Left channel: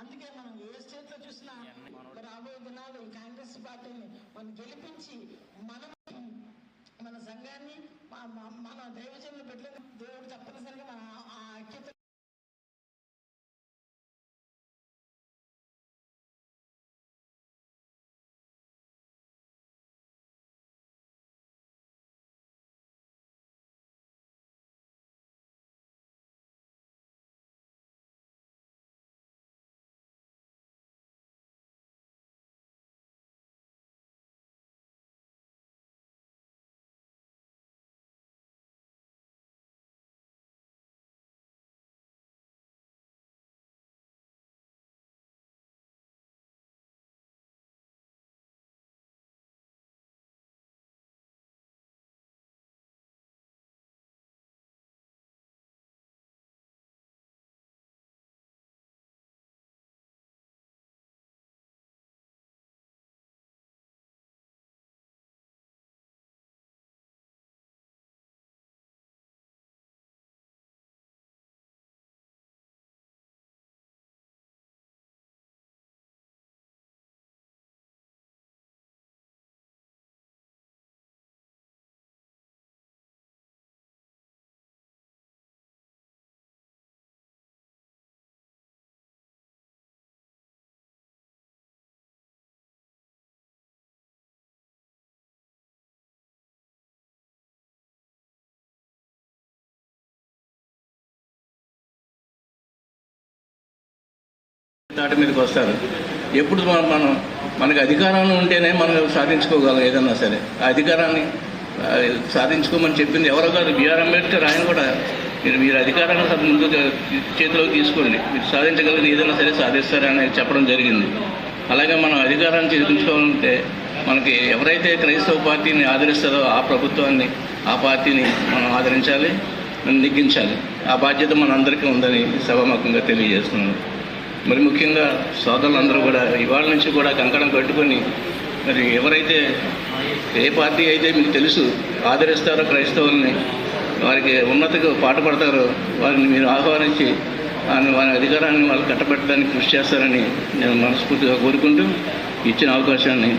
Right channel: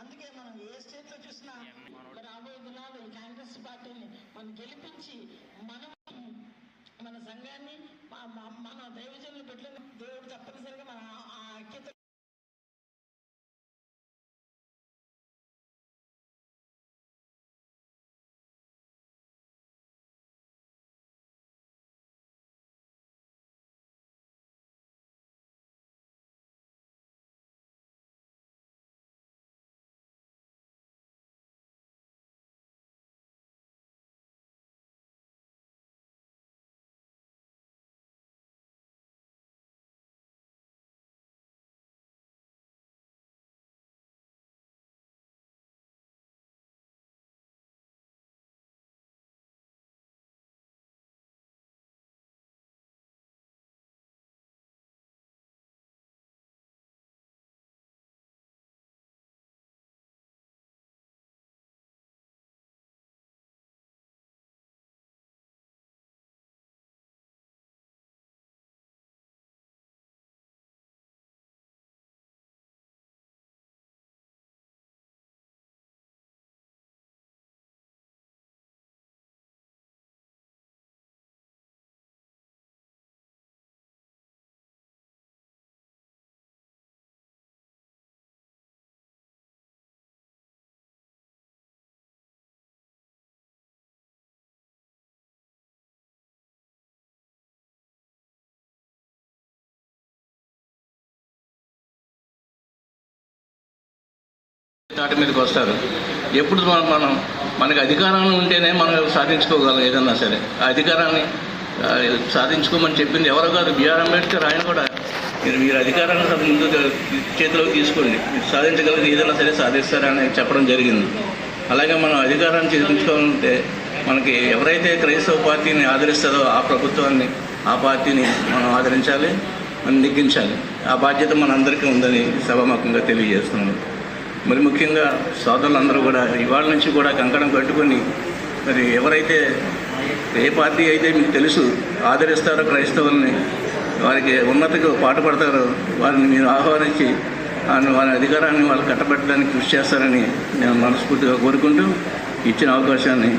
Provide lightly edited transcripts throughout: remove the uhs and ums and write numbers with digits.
అందుకే మనం ఏ స్టేట్ లో చూసినా రాబోయే దినాలు కాంగ్రెస్ పార్టీని మనం గెలిపించి మన సంఘాన్ని మన దైవజనులు పెట్టిన దేవుడు తప్పనిసరిగా మన ఆ ఐక్యత నాటి మీదకి వస్తారు. ఎప్పుడు మనకి అధికారంలో ఉంటేనే మనం సాధించుకోగలం ఏదన్నా సరే. ఆ అధికారాన్ని సాధించుకోమని చెప్పింది ఎవరో కాదు, బిఆర్ అంబేద్కర్. ఆయన కూడా మీరు అధికారాన్ని ముందు చేతిలోకి తీసుకోండి, మీరు సాధించగలిగి ఏదైనా సరే సాధిస్తారని చెప్పడం జరిగింది. అలాగే మనం అధికారాన్ని చేయించుకోవాలంటే మనకి ఎవరైతే క్రైస్తవ పార్టీని ఆదరిస్తారో ఆ ప్రభుత్వాన్ని, ఆ పార్టీని మనం ఆదరించాలి, మనం నెగ్గించాలి. ఆ బాధ్యత మనందరికీ ఉందని సభాముఖంగా తెలియజేస్తున్నాను. మరి ముఖ్యంగా సోదరులందరూ కూడా ఇవాళ నుంచి కూడా కంకణం కట్టుకొని మరి ఎవరైతే ఏ పార్టీ అయితే మీకు తెలుసు ఆదరిస్తారో క్రైస్తవుల్ని, వారికి ఉన్నతకు పాటుపడతారో వారిని మీరు ఆహ్వానించి వారి అధికారాన్ని వాళ్ళు కట్టబెట్టడానికి కృషి చేస్తారని నేను మనస్ఫూర్తిగా కోరుకుంటూ ఇచ్చిన అవకాశాన్ని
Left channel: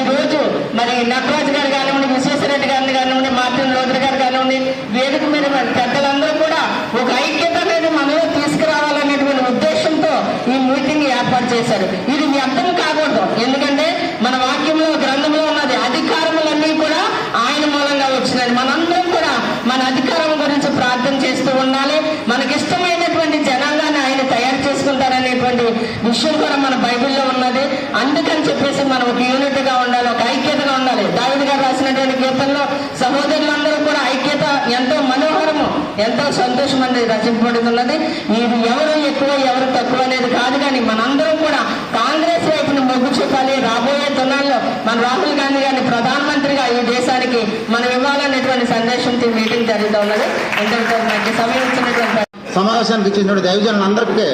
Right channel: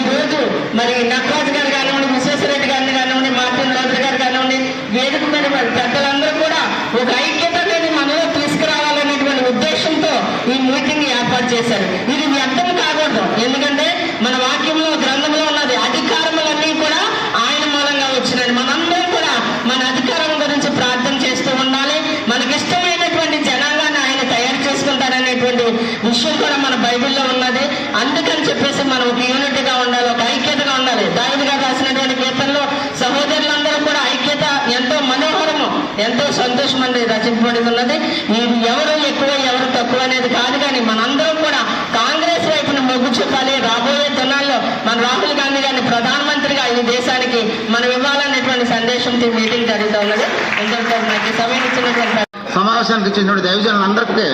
ఈరోజు మరి నటరాజు గారు కానివ్వండి, విశ్వేశ్వరరెడ్డి గారిని కానివ్వండి, మార్టిన్ లోథర్ గారు కానివ్వండి, వేదిక మీద పెద్దలందరూ కూడా ఒక ఐక్యత అనేది మనలో తీసుకురావాలనేటువంటి ఉద్దేశంతో ఈ మీటింగ్ ఏర్పాటు చేశారు. ఇది వ్యర్థం కాకూడదు. ఎందుకంటే మన వాక్యంలో గ్రంథంలో ఉన్నది అధికారములన్నీ కూడా ఆయన మూలంగా వచ్చినది. మనందరం కూడా మన అధికారం గురించి ప్రార్థన చేస్తూ ఉండాలి. మనకిష్టమైనటువంటి జనాంగాన్ని ఆయన తయారు చేసుకుంటారనేటువంటి విషయం కూడా మన బైబిల్లో ఉన్నది. అందుకని చెప్పేసి మనం ఒక యూనిటీగా ఉండాలి, ఒక ఐక్యతగా ఉండాలి. దావీదు గారు రాసినటువంటి కీర్తనలో సహోదరులందరూ కూడా ఐక్యత ఎంతో మనోహరము, ఎంతో సంతోషం అనేది రచింపబడి ఉన్నది. ఇది ఎవరు ఎక్కువ ఎవరు తక్కువ అనేది కాదు, కానీ మనందరం కూడా కాంగ్రెస్ వైపున మొగ్గు చూపాలి. రాబోయే దినాల్లో మన రాహుల్ గాంధీ గారిని ప్రధానమంత్రిగా ఈ దేశానికి మనం ఇవ్వాలనేటువంటి సందేశంతో మీటింగ్ జరుగుతూ ఉన్నది. ఎంతో నాకు సమయం ఇచ్చినటువంటి సమావేశానికి ఇచ్చినటువంటి దైవజనులందరికీ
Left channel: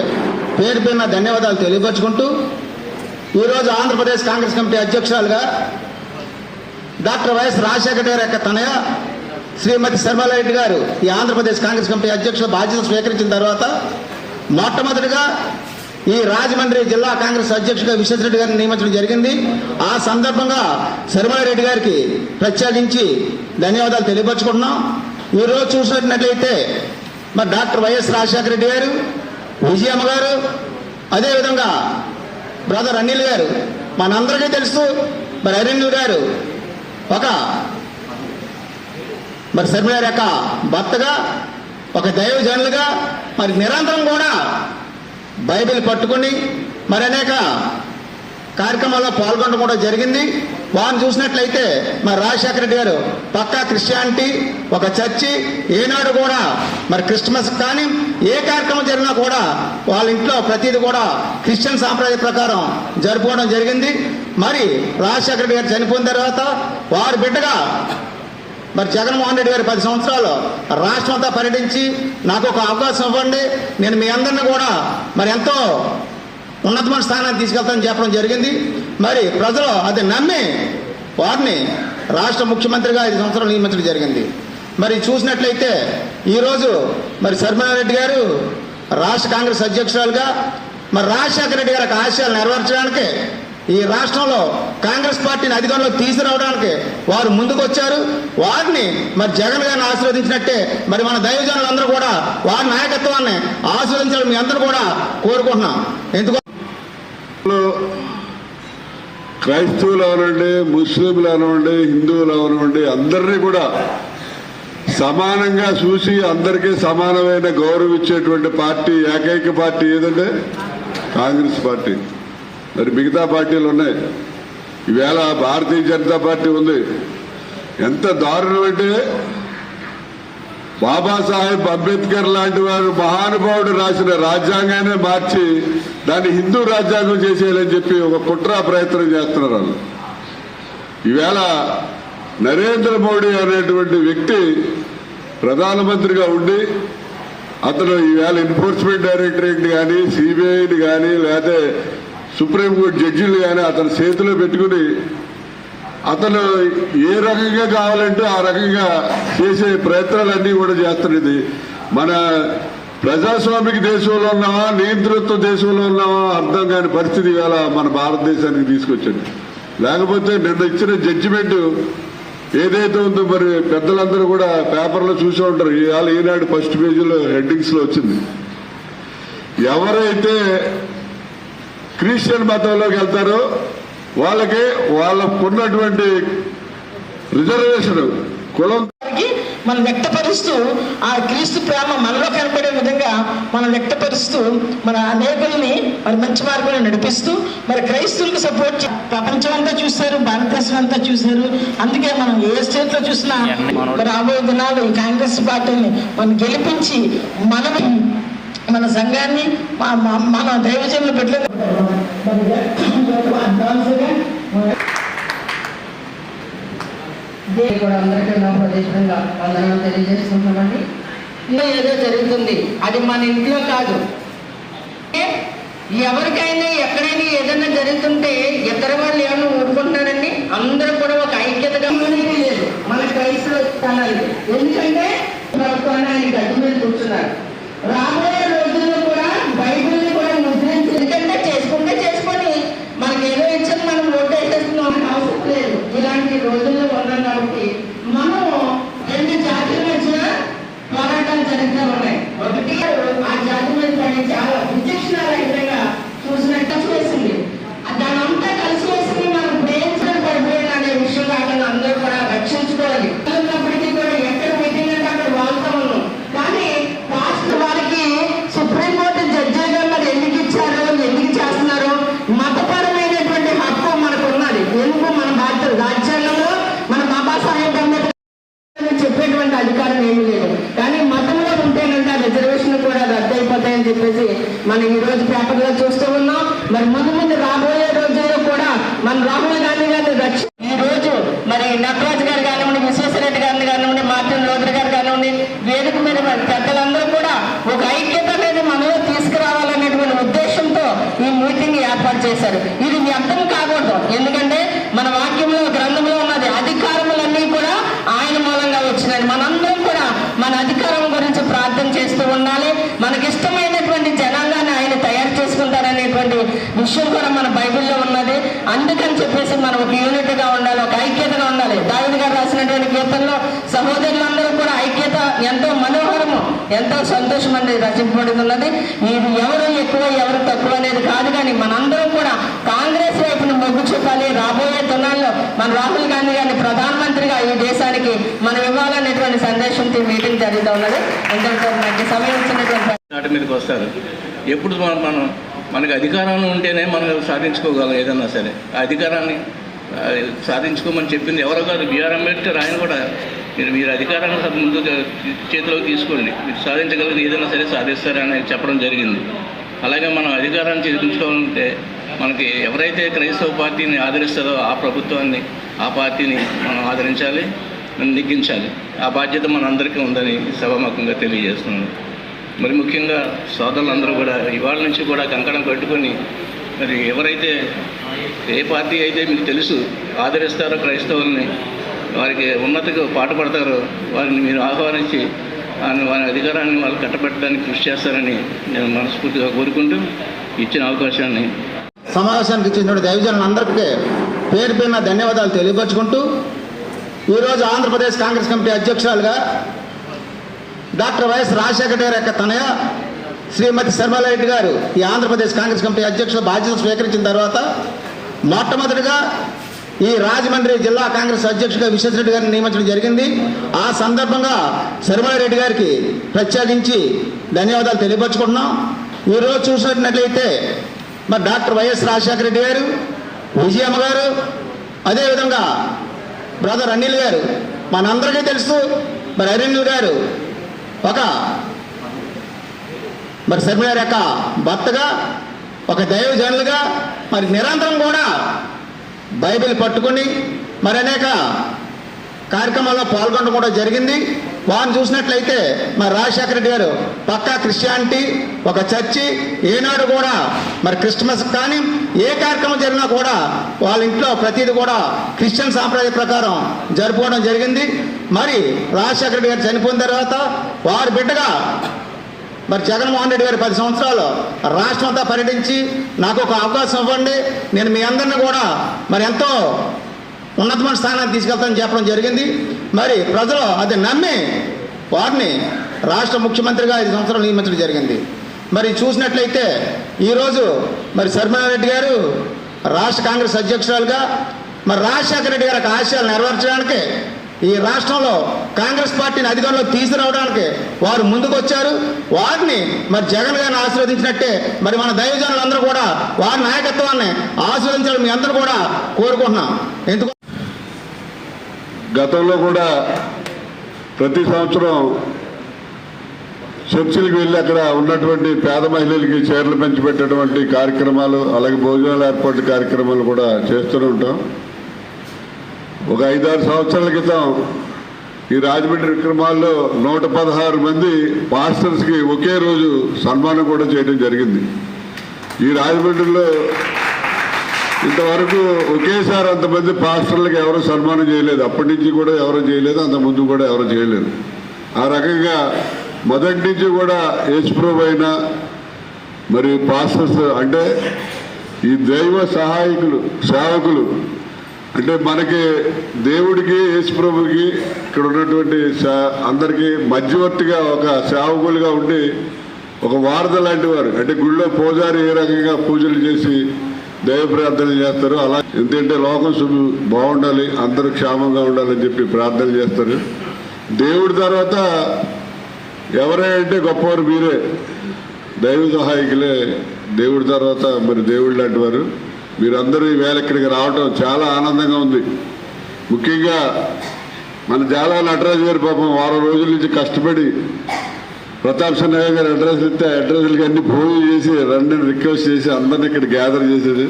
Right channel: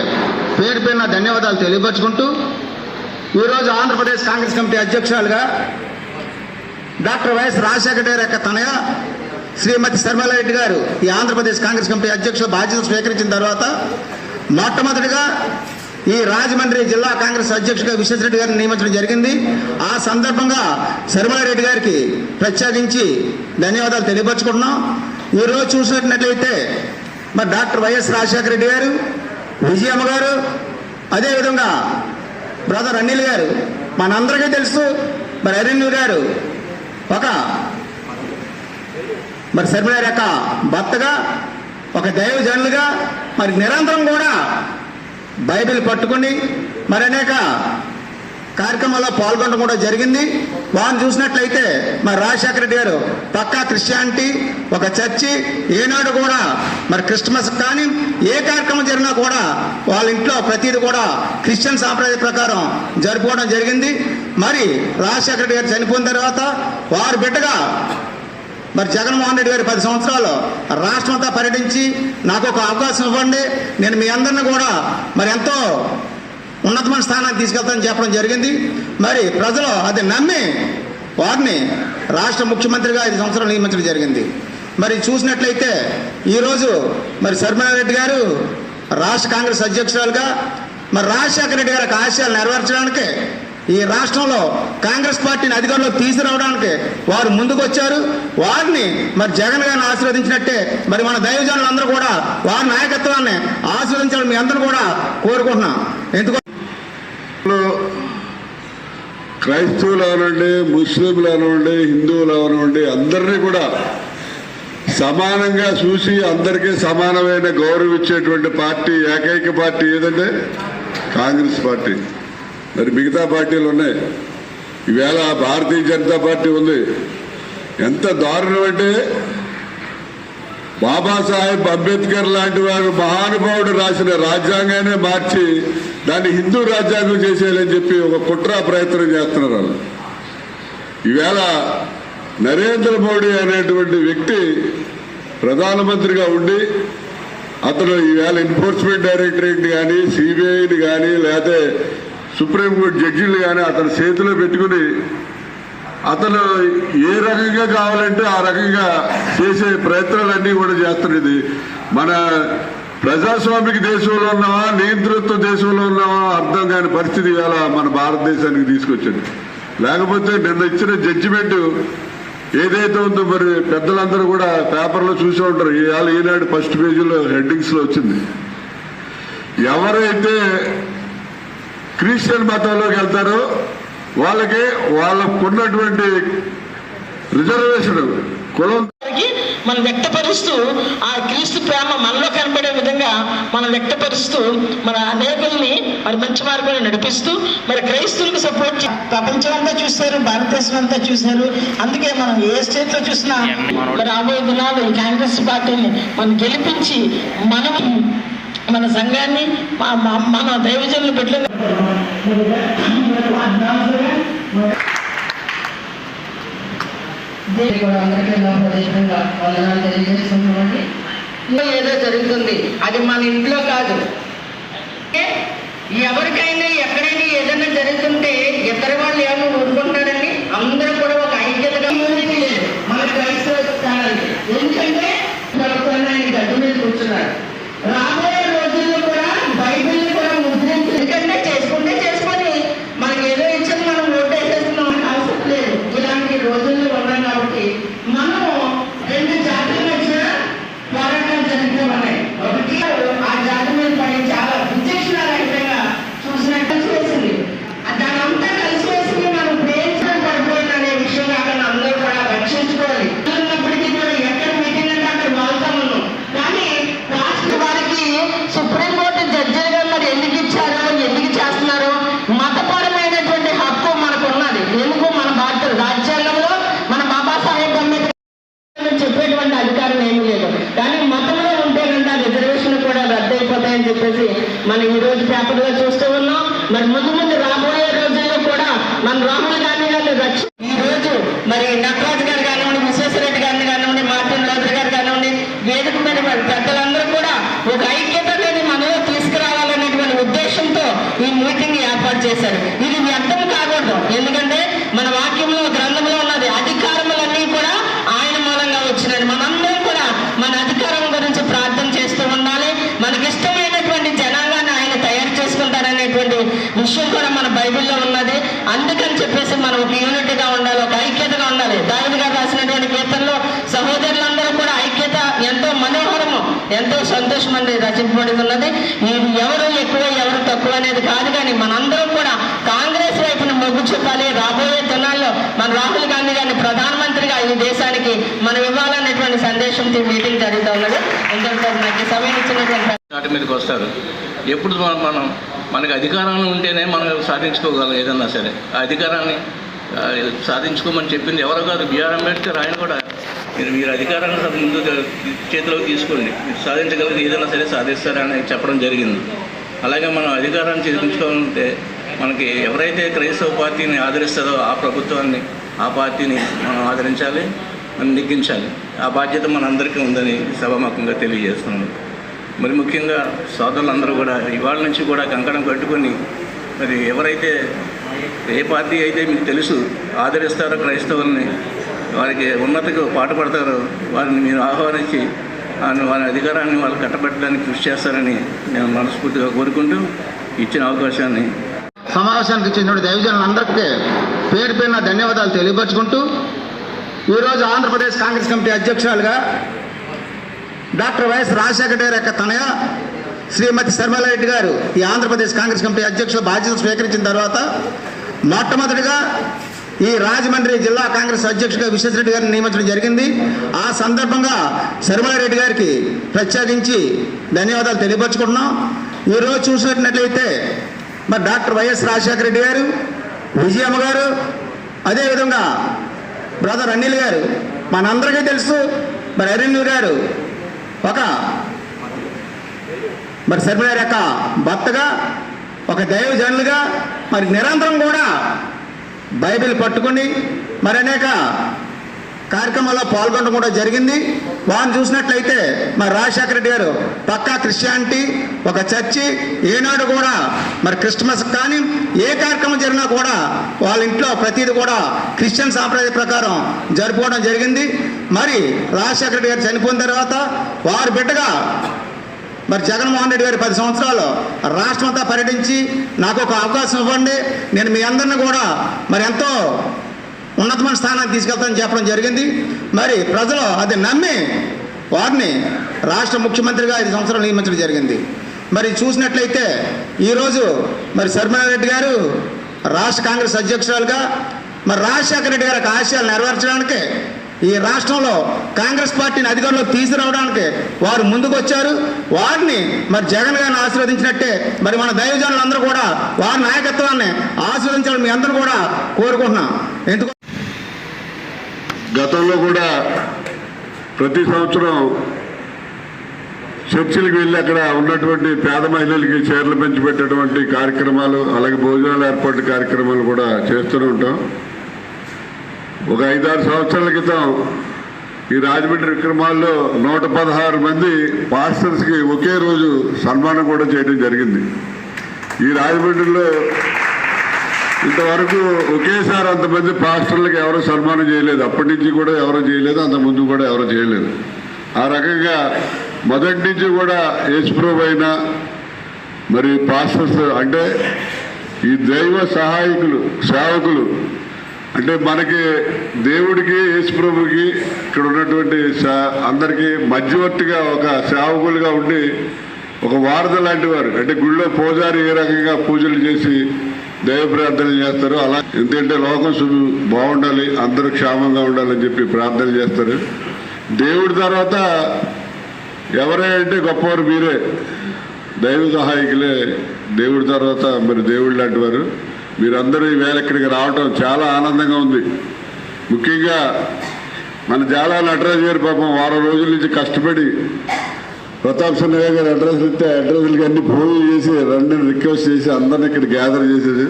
పేరు పేరున ధన్యవాదాలు తెలియపరుచుకుంటూ ఈరోజు ఆంధ్రప్రదేశ్ కాంగ్రెస్ కమిటీ అధ్యక్షురాలుగా డాక్టర్ వైఎస్ రాజశేఖర గారి యొక్క తనయ శ్రీమతి శర్మలారెడ్డి గారు ఈ ఆంధ్రప్రదేశ్ కాంగ్రెస్ కమిటీ అధ్యక్షుల బాధ్యత స్వీకరించిన తర్వాత మొట్టమొదటిగా ఈ రాజమండ్రి జిల్లా కాంగ్రెస్ అధ్యక్షుడిగా విశ్వేశ్వరరెడ్డి గారిని నియమించడం జరిగింది. ఆ సందర్భంగా శర్మలారెడ్డి గారికి ప్రత్యేకించి ధన్యవాదాలు తెలియపరుచుకుంటున్నాం. ఈరోజు చూసినట్లయితే మరి డాక్టర్ వైఎస్ రాజశేఖర రెడ్డి గారు, విజయమ్మ గారు, అదేవిధంగా బ్రదర్ అనిల్ గారు, మనందరికీ తెలుసు. మరి అనిల్ గారు మరి శర్మలారెడ్డి యొక్క భర్తగా, ఒక దైవజనులుగా మరి నిరంతరం కూడా బైబిల్ పట్టుకుని మరి అనేక కార్యక్రమంలో పాల్గొనడం కూడా జరిగింది. వారిని చూసినట్లయితే మరి రాజశేఖర రెడ్డి గారు పక్కా క్రిస్టియానిటీ, ఒక చర్చి, ఏనాడు కూడా మరి క్రిస్మస్ కానీ ఏ కార్యక్రమం జరిగినా కూడా వాళ్ళ ఇంట్లో ప్రతిదీ కూడా క్రిస్టియన్ సాంప్రదాయ ప్రకారం జరుపుకోవడం జరిగింది. మరి రాజశేఖర రెడ్డి గారు చనిపోయిన తర్వాత వారి బిడ్డగా మరి జగన్మోహన్ రెడ్డి గారు 10 సంవత్సరాలు రాష్ట్రం అంతా పర్యటించి నాకు ఒక అవకాశం ఇవ్వండి, నేను మీ అందరిని కూడా మరి ఎంతో ఉన్నతమైన స్థానాన్ని తీసుకెళ్తానని చెప్పడం జరిగింది. మరి ప్రజలు అది నమ్మి వారిని రాష్ట్ర ముఖ్యమంత్రిగా 5 సంవత్సరాలు నియమించడం జరిగింది. మరి చూసినట్లయితే ఈరోజు మరి శర్మిలారెడ్డి గారు రాష్ట్ర కాంగ్రెస్ అధ్యక్షురాలుగా మరి రాజశేఖర రెడ్డి గారి ఆశయాలు నెరవేర్చడానికి ఈ రాష్ట్రంలో కాంగ్రెస్ పార్టీని అధికారంలో తీసుకురావడానికి వారు ముందుకు వచ్చారు. వారిని మరి జగన్ గారిని ఆశీర్వదించినట్టే మరి మన దైవజనులందరూ కూడా వారి నాయకత్వాన్ని ఆశీర్వదించాలని మీ అందరూ కూడా కోరుకుంటున్నాం. ఎందుకు క్రైస్తవులు అవనండి, ముస్లింలు అవనండి, హిందువులు అవనండి, అందరినీ కూడా సమానంగా చూసి అందరికీ సమానమైన గౌరవం ఇచ్చేటువంటి పార్టీ, ఏకైక పార్టీ ఏదంటే కాంగ్రెస్ పార్టీ. మరి మిగతా పార్టీలు ఉన్నాయి. ఈవేళ భారతీయ జనతా పార్టీ ఉంది. ఎంత దారుణం అంటే బాబాసాహెబ్ అంబేద్కర్ లాంటి వారు మహానుభావుడు రాసిన రాజ్యాంగాన్ని మార్చి దాన్ని హిందూ రాజ్యాంగం చేసేయాలని చెప్పి ఒక కుట్ర ప్రయత్నం చేస్తున్నారు వాళ్ళు. ఈవేళ నరేంద్ర మోడీ అనేటువంటి వ్యక్తి ప్రధానమంత్రిగా ఉండి అతను ఈవేళ ఎన్ఫోర్స్మెంట్ డైరెక్టరేట్ కానీ, సిబిఐని కానీ, లేకపోతే సుప్రీంకోర్టు జడ్జీలు కానీ అతను చేతిలో పెట్టుకుని అతను ఏ రకంగా కావాలంటే ఆ రకంగా చేసే ప్రయత్నాలన్నీ కూడా చేస్తున్నది. మన ప్రజాస్వామిక దేశంలో ఉన్నామా, నియంతృత్వ దేశంలో ఉన్నామా అర్థం కాని పరిస్థితి ఇవాళ మన భారతదేశానికి తీసుకొచ్చింది. లేకపోతే నిన్న ఇచ్చిన జడ్జిమెంట్ ఏదైతే ఉందో మరి పెద్దలందరూ కూడా పేపర్లో చూసే ఉంటారు. ఇవాళ ఈనాడు ఫస్ట్ పేజీలో హెడ్డింగ్స్ లో వచ్చింది. ఎవరైతే క్రిస్టియన్ మతంలోకి వెళ్తారో వాళ్ళకి వాళ్ళకున్నటువంటి రిజర్వేషన్ కులం మనం వ్యక్తపరుస్తూ ఆ క్రీస్తు ప్రేమ మనలో కనపడే విధంగా మనం వ్యక్తపరుస్తూ మన అనేకుల్ని మరి మంచి మార్గంలో నడిపిస్తూ మరి క్రైస్తవులకు సపోర్ట్ ప్రపంచం అంతా చూశారు, భారతదేశం అంతా చూశారు. అందుకే మనం ఏ స్టేట్ లో చూసినా మరి రాబోయే దినాలు ఈ కాంగ్రెస్ పార్టీని మనం గెలిపించి మనం మన సంఘాన్ని మన దైవజనులు పెట్టలేదు అందరికీ ప్రదేశంగా వందనాలు తెలియజేస్తున్నామండి. ఏదో జరుగుతుంది, అది మన ఇంట్లో కాదు. ఎవరికైనా ఎక్కడైనా ఏదైనా జరుగుతుంటే ఇతర వాళ్ళు ఏమైనా ఊరుకుంటారండి. అందరూ కూడా ఒక ఐక్యతగా లేదు మన క్రైస్తవ స్థానానికి. ఎందుకంటే ఆయన గడ్డ మీద కూర్చున్నారు. రాబోయే రోజుల్లో కూడా బైబిల్ని కూడా ముద్రించి ఎందుకంటే చేసుకుంటే చేసుకొని మనకి ఏదో ఇచ్చేది మనం ఓటు వేసేస్తున్నాం అవసరం లేదు. ఇలాంటి రోజుల్లో ఉన్నాం కాబట్టి మనం 2 జాతుల మధ్య పోరాటాలు జరుగుతూ ఉన్నాయి. ఒకటి ఆ జాతి మీద పడి చాలా విచక్షణారహితంగా చూసినట్టు చేసింది. దానంతా కలిసి వేసి మనం ప్రేమించడం పడిపోయింది అనే విషయం కాకుండా అందరూ కూడా రక్షించుకోవాలి. ఉన్నప్పటికీ కూడా ఎక్కడ పెట్టినట్టు అక్కడ వాళ్తా ఉన్నాం. కానీ వారికి సుప్రీంకోర్టు జడ్జిగా మరి ఎందుకు ఇచ్చారు, ఎందుకు చేస్తున్నారు? మతపరమైనటువంటి హక్కు మనకు ఉన్నది. ఎందుకు మన భారత రాజ్యాంగంలో మన బాబాసాహెబ్ అంబేద్కర్ చెప్పేటువంటి అధికారం ఏమీ లేదు. కానీ మతంలో ఉంటేనంటే ఆ రిజర్వేషన్ కూడా రద్దు అయిపోతాయని చెప్పేసి మనం ఈ రోజు పేపర్లో చూస్తూ ఉన్నాం. మరి ముందు ముందు రాబోయే రోజుల్లో కూడా మన రాహుల్ గాంధీ గారిని ఈ రోజు మరి నటరాజు గారు కానివ్వండి, విశ్వేశ్వరరెడ్డి గారిని కానివ్వండి, మార్టిన్ లూథర్ గారు కానివ్వండి, వేదిక మీద పెద్దలందరూ కూడా ఒక ఐక్యత అనేది మనలో తీసుకురావాలనేటువంటి ఉద్దేశంతో ఈ మీటింగ్ ఏర్పాటు చేశారు. ఇది వ్యర్థం కాకూడదు. ఎందుకంటే మన వాక్యంలో గ్రంథంలో ఉన్నది అధికారములన్నీ కూడా ఆయన మూలంగా వచ్చినాయి. మనందరం కూడా మన అధికారం గురించి ప్రార్థన చేస్తూ ఉండాలి. మనకిష్టమైనటువంటి జనాంగాన్ని ఆయన తయారు చేసుకుంటారనేటువంటి విషయం కూడా మన బైబిల్లో ఉన్నది. అందుకని చెప్పేసి మనం ఒక యూనిటీగా ఉండాలి, ఒక ఐక్యతగా ఉండాలి. దావీదు గారు రాసినటువంటి కీర్తనలో సహోదరులందరూ కూడా ఐక్యత ఎంతో మనోహరము, ఎంతో సంతోషం అనేది రచింపబడి ఉన్నది. ఇది ఎవరు ఎక్కువ ఎవరు తక్కువ అనేది కాదు, కానీ మనందరం కూడా కాంగ్రెస్ వైపును మొగ్గు చూపాలి. రాబోయే దినాల్లో మన రాహుల్ గాంధీ గారిని ప్రధానమంత్రిగా ఈ దేశానికి మనం ఇవ్వాలనేటువంటి సందేశంతో మీటింగ్ జరుగుతూ ఉన్నది. ఎందుకంటే మనకి సమయం ఇచ్చినటువంటి వాటి మీదకి వస్తారు. ఎప్పుడు మనం మనకి అధికారంలో ఉంటేనే మనం సాధించుకోగలం ఏదన్నా సరే. ఆ అధికారాన్ని సాధించుకోమని చెప్పింది ఎవరో కాదు, బిఆర్ అంబేద్కర్. ఆయన కూడా మీరు అధికారాన్ని ముందు చేతిలోకి తీసుకోండి, మీరు సాధించగలిగితే ఏదైనా సరే సాధిస్తారని చెప్పడం జరిగింది. అలాగే మనం అధికారాన్ని చేయించుకోవాలంటే మనకి ఎవరైతే క్రైస్తవ పార్టీని ఆదరిస్తారో ఆ ప్రభుత్వాన్ని, ఆ పార్టీని మనం ఆదరించాలి, మనం నెగ్గించాలి. ఆ బాధ్యత మనందరికీ ఉందని సభాముఖంగా తెలియజేస్తున్నాను. మరి ముఖ్యంగా సోదరులందరూ కూడా ఇవాళ నుంచి కూడా కంకణం కట్టుకొని మరి ఎవరైతే ఏ పార్టీ అయితే మీకు తెలుసు ఆదరిస్తారో క్రైస్తవుల్ని, వారికి ఉన్నతకు పాటుపడతారో వారిని మీరు ఆహ్వానించి వారి అధికారాన్ని వాళ్ళు కట్టబెట్టడానికి కృషి చేస్తారని నేను మనస్ఫూర్తిగా కోరుకుంటూ ఇచ్చిన అవకాశాన్ని సమావేశానికి చెందిన దైవజనులందరికీ పేరు పేరున ధన్యవాదాలు తెలియపరుచుకుంటూ ఈరోజు ఆంధ్రప్రదేశ్ కాంగ్రెస్ కమిటీ అధ్యక్షురాలుగా డాక్టర్ వైఎస్ రాజశేఖర గారి యొక్క తనయ శ్రీమతి శర్మలారెడ్డి గారు ఈ ఆంధ్రప్రదేశ్ కాంగ్రెస్ కమిటీ అధ్యక్షుల బాధ్యతలు స్వీకరించిన తర్వాత మొట్టమొదటిగా ఈ రాజమండ్రి జిల్లా కాంగ్రెస్ అధ్యక్షుడిగా విశ్వేశ్వరరెడ్డి గారిని నియమించడం జరిగింది. ఆ సందర్భంగా శర్మలారెడ్డి గారికి ప్రత్యేకించి ధన్యవాదాలు తెలియపరుచుకుంటున్నాం. ఈరోజు చూసినట్లయితే మరి డాక్టర్ వైఎస్ రాజశేఖర రెడ్డి గారు, విజయమ్మ గారు, అదేవిధంగా బ్రదర్ అనిల్ గారు, మనందరికీ తెలుసు. మరి అనిల్ గారు మరి శర్మ యొక్క భర్తగా, ఒక దైవజనులుగా మరి నిరంతరం కూడా బైబిల్ పట్టుకొని మరి అనేక కార్యక్రమాల్లో పాల్గొనడం కూడా జరిగింది. వారిని చూసినట్లయితే మరి రాజశేఖర రెడ్డి గారు పక్కా క్రిస్టియానిటీ, ఒక చర్చి, ఏనాడు కూడా మరి క్రిస్మస్ కానీ ఏ కార్యక్రమం జరిగినా కూడా వాళ్ళ ఇంట్లో ప్రతిదీ కూడా క్రిస్టియన్ సాంప్రదాయ ప్రకారం జరుపుకోవడం జరిగింది. మరి రాజశేఖర రెడ్డి గారు చనిపోయిన తర్వాత వారి బిడ్డగా మరి జగన్మోహన్ రెడ్డి గారు 10 సంవత్సరాలు రాష్ట్రం అంతా పర్యటించి నాకు ఒక అవకాశం ఇవ్వండి, నేను మీ అందరినీ కూడా మరి ఎంతో ఉన్నతమైన స్థానాన్ని తీసుకెళ్తానని చెప్పడం జరిగింది. మరి ప్రజలు అది నమ్మి వారిని రాష్ట్ర ముఖ్యమంత్రిగా 5 సంవత్సరాలు నియమించడం జరిగింది. మరి చూసినట్లయితే ఈరోజు మరి శర్మలారెడ్డి గారు రాష్ట్ర కాంగ్రెస్ అధ్యక్షురాలుగా మరి రాజశేఖర రెడ్డి గారి ఆశయాలు నెరవేర్చడానికి, ఈ రాష్ట్రంలో కాంగ్రెస్ పార్టీని అధికారంలో తీసుకురావడానికి వారు ముందుకు వచ్చారు. వారిని మరి జగన్ గారిని ఆశీర్వదించినట్టే మరి మన దైవజనులందరూ కూడా వారి నాయకత్వాన్ని ఆశీర్వదించాలని మీ అందరూ కూడా కోరుకుంటున్నాం. ఎందుకు గతంలో కూడా ప్రతి సంవత్సరం చర్చిలకు వెళ్ళి అక్కడ ఉన్నటువంటి పేద మహిళలకి చీరలు పెంచిపెట్టేటువంటి కార్యక్రమాలు, అలాగే భోజనాల ఏర్పాటు కార్యక్రమాలు కూడా చేస్తూనే ఉంటాం. ఒక 5-6 సంవత్సరాల క్రితం ఈ రాజమండ్రి విక్రమాల్లో 116 మంది పాస్టర్స్కి ఒకే రోజు సన్మానం కూడా చేయడం జరిగింది. ఈ రాజమండ్రిలో ఇంతవరకు ఒకేసారి అంతమంది పాస్టర్లకు ఎవరు సన్మానం చేయలేదు. అప్పటి నుంచి కూడా ఎవరు చేయలేదు, అంత ముందు కూడా ఎవరు చేయలేదు. ఆ రకంగా మొదటి నుంచి కూడా యేసుప్రభు అయినా మరి పాస్టర్స్ అంటే ఈ దైవ సహాయకులు, సేవకులు అంటే మనకి దేవుడికి యేసుప్రభుకి ఇక్కడ ఉన్నటువంటి అందరికీ మధ్యవర్తిగా ఒక సేవకులుగా ఉండి ఒక వారధ లాంటి వారు. అంటే గుళ్ళో పూజారి ఏ రకంగా పూజలు చేసి దైవ ప్రార్థన చేస్తారు, అలా ఎందుకంటే లోకం బాగుండాలి, అందరూ క్షేమంగా ఉండాలని చెప్పి ప్రార్థన చేస్తారు. దేవుడి తర్వాత ఎవరైతే గొప్పవారు మీరే, దైవ సహాయకులే దేవుడి తర్వాత మరి దేవుడు లాంటి వారు. మీరందరూ ఈవేళ ఇక్కడికి రావటం చాలా ఆనందంగా ఉంది. ముఖ్యంగా మన జాలా నటరాజు గారి పాపం వారం రోజుల నుంచి కష్టపడి ప్రతాప్ సిన్హా గారు అడ్రస్ ఇస్తే అడ్రస్లకి అన్ని ఫోన్ చేసి రండి రిక్వెస్ట్ చేసి అందరిని ఇక్కడ గ్యాదర్ చేసేది.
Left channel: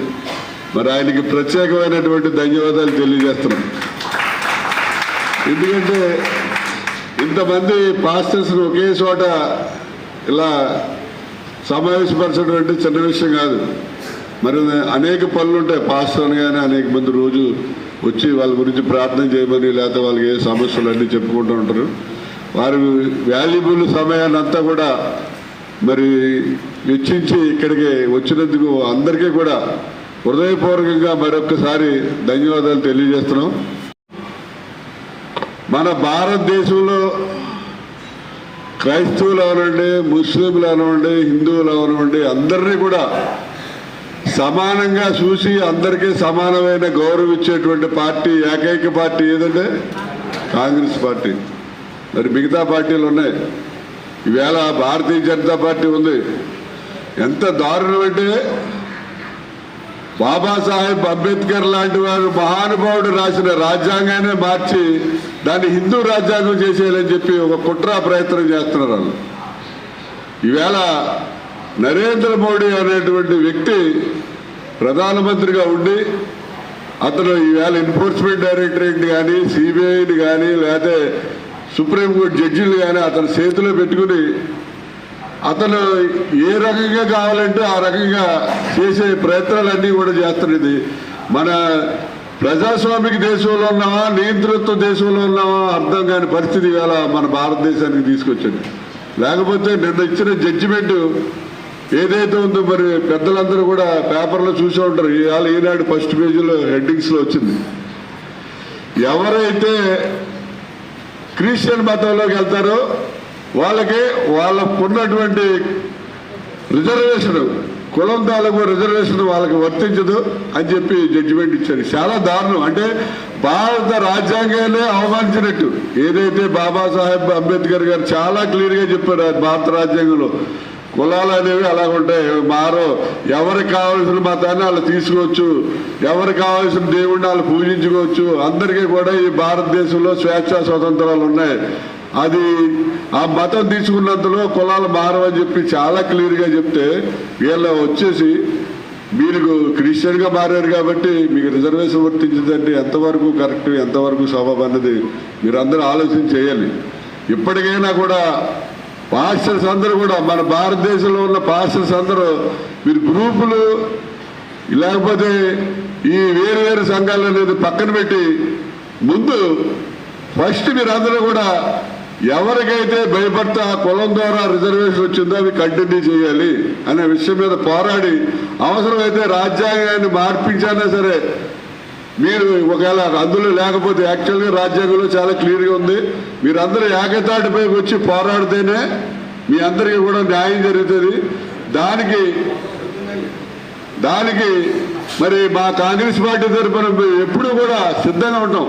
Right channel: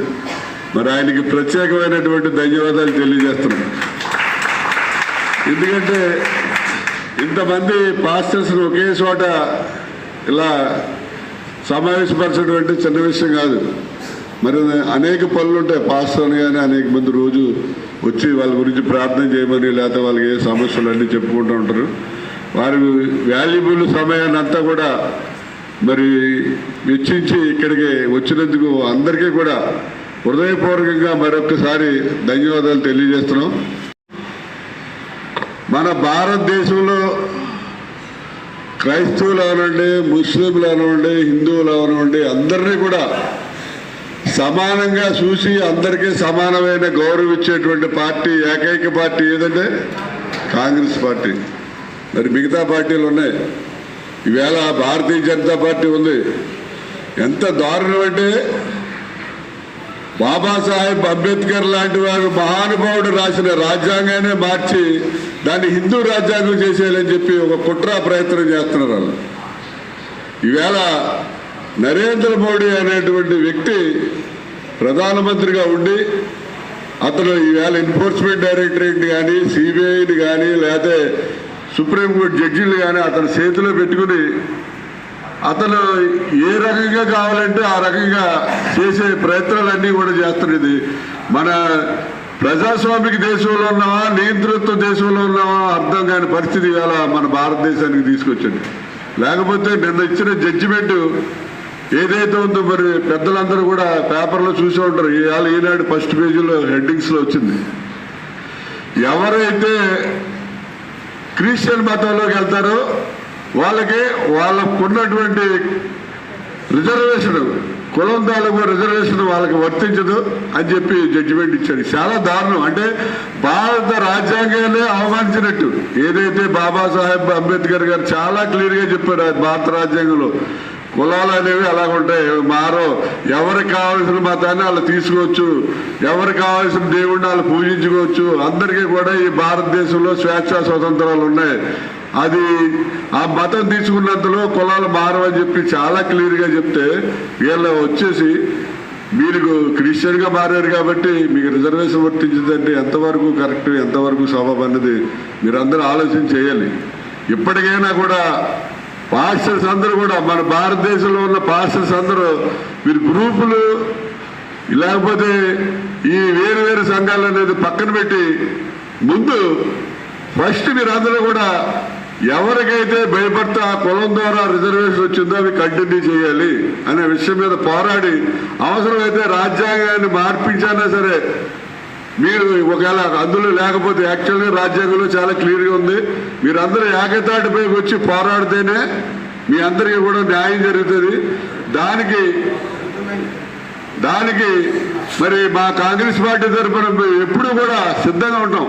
మరి ఆయనకి ప్రత్యేకమైనటువంటి ధన్యవాదాలు తెలియజేస్తున్నాం. ఎందుకంటే ఇంతమంది పాస్టర్స్ను ఒకే చోట ఇలా సమావేశపరచడం అంటే చిన్న విషయం కాదు. మరి అనేక పనులు ఉంటాయి పాస్టర్ని కానీ అనేక మంది రోజు వచ్చి వాళ్ళ గురించి ప్రార్థన చేయమని, లేకపోతే వాళ్ళకి ఏ సమస్యలు అన్నీ చెప్పుకుంటూ ఉంటారు. వారి వాల్యుబుల్ సమయాన్ని అంతా కూడా మరి వెచ్చించి ఇక్కడికి వచ్చినందుకు అందరికీ కూడా హృదయపూర్వకంగా మరొకసారి ధన్యవాదాలు తెలియజేస్తున్నాం. మన భారతదేశంలో క్రైస్తవులు అవనండి, ముస్లింలు అవనండి, హిందువులు అవనండి, అందరినీ కూడా సమానంగా చూసి అందరికీ సమానమైన గౌరవం ఇచ్చేటువంటి పార్టీ, ఏకైక పార్టీ ఏదంటే కాంగ్రెస్ పార్టీ. మరి మిగతా పార్టీలు ఉన్నాయి. ఈవేళ భారతీయ జనతా పార్టీ ఉంది, ఎంత దారుణం అంటే బాబాసాహెబ్ అంబేద్కర్ లాంటి వారు మహానుభావుడు రాసిన రాజ్యాంగాన్ని మార్చి దాన్ని హిందూ రాజ్యాంగం చేసేయాలని చెప్పి ఒక కుట్ర ప్రయత్నం చేస్తున్నారు వాళ్ళు. ఈవేళ నరేంద్ర మోడీ అనేటువంటి వ్యక్తి ప్రధానమంత్రిగా ఉండి అతను ఈవేళ ఎన్ఫోర్స్మెంట్ డైరెక్టరేట్ కానీ సిబిఐని కానీ లేకపోతే సుప్రీంకోర్టు జడ్జిలు కానీ అతని చేతిలో పెట్టుకుని అతను ఏ రకంగా కావాలంటే ఆ రకంగా చేసే ప్రయత్నాలన్నీ కూడా చేస్తున్నది. మన ప్రజాస్వామిక దేశంలో ఉన్నామా నియంతృత్వ దేశంలో ఉన్నామా అర్థం కాని పరిస్థితి ఇవాళ మన భారతదేశానికి తీసుకొచ్చింది. లేకపోతే నిన్న ఇచ్చిన జడ్జిమెంట్ ఏదైతే ఉందో మరి పెద్దలందరూ కూడా పేపర్లో చూసి ఉంటారు. ఇవాళ ఈనాడు ఫస్ట్ పేజీలో హెడ్డింగ్స్లో వచ్చింది. ఎవరైతే క్రిస్టియన్ మతంలోకి వెళ్తారో వాళ్ళకున్నటువంటి రిజర్వేషన్ కులం తాలూకు రిజర్వేషన్ వాళ్ళకి వర్తించదు అని చెప్పి జడ్జిమెంట్ ఇచ్చారు. చాలా దారుణం. అంటే భారత రాజ్యాంగాన్ని అవమానించినట్టు. ఏదైతే బాబాసాహెబ్ అంబేద్కర్ గారు చాలా క్లియర్గా చెప్పారు భారత రాజ్యాంగంలో కులాలు అనేవి అలాగుంటాయి, మారో. ఎవరికి కావాల్సిన మతాన్ని వాళ్ళు తీసుకోవచ్చు, ఎవరికి కావాల్సిన దేవుడిని వాళ్ళు పూజించుకోవచ్చు. అందరికీ కూడా ఈ భారతదేశంలో స్వేచ్ఛా స్వతంత్రాలు ఉన్నాయి. అది ఆ మతం తీసుకున్నంతలో కులాలు మారవని చెప్పి చాలా క్లియర్గా చెప్తే వీళ్ళు వచ్చేసి మీరు క్రిస్టియన్గా మారారు కాబట్టి మీకు రిజర్వేషన్ వర్తించిందంటే ఎంతవరకు కరెక్ట్, ఎంతవరకు సబబ్ అన్నది మీరందరూ ఆలోచన చేయాలి. ఇప్పటికైనా కూడా పాస్టర్స్ అందరూ కూడా మన భారతదేశంలో ఉన్న పాస్టర్స్ అందరూ మీరు గ్రూపులు లేకపోతే ఈ వేరు వేరు సంఘాలు అనేది పక్కన పెట్టి ముందు ఫస్ట్ మీరందరూ కూడా ఎవరికైతే భయపడితే ఆ కులం ద్వారా రిజర్వేషన్ వచ్చిందో అవి కంటిన్యూ చేయాలి అనే విషయం మీద పోరాడి అవసరమైతే రాజ్యాంగాన్ని మార్పించానా సరే మీరు ఒకవేళ అందులో లేకపోతే యాక్చువల్గా రాజ్యాంగంలో చాలా క్లియర్గా ఉంది. మీరందరూ ఏకతాటిపైకి వచ్చి పోరాడితేనే మీ అందరికీ కూడా న్యాయం జరుగుతుంది. దానికి మరి మా కాంగ్రెస్ పార్టీ తరఫున ఎప్పుడూ కూడా సిద్ధంగా ఉంటాం.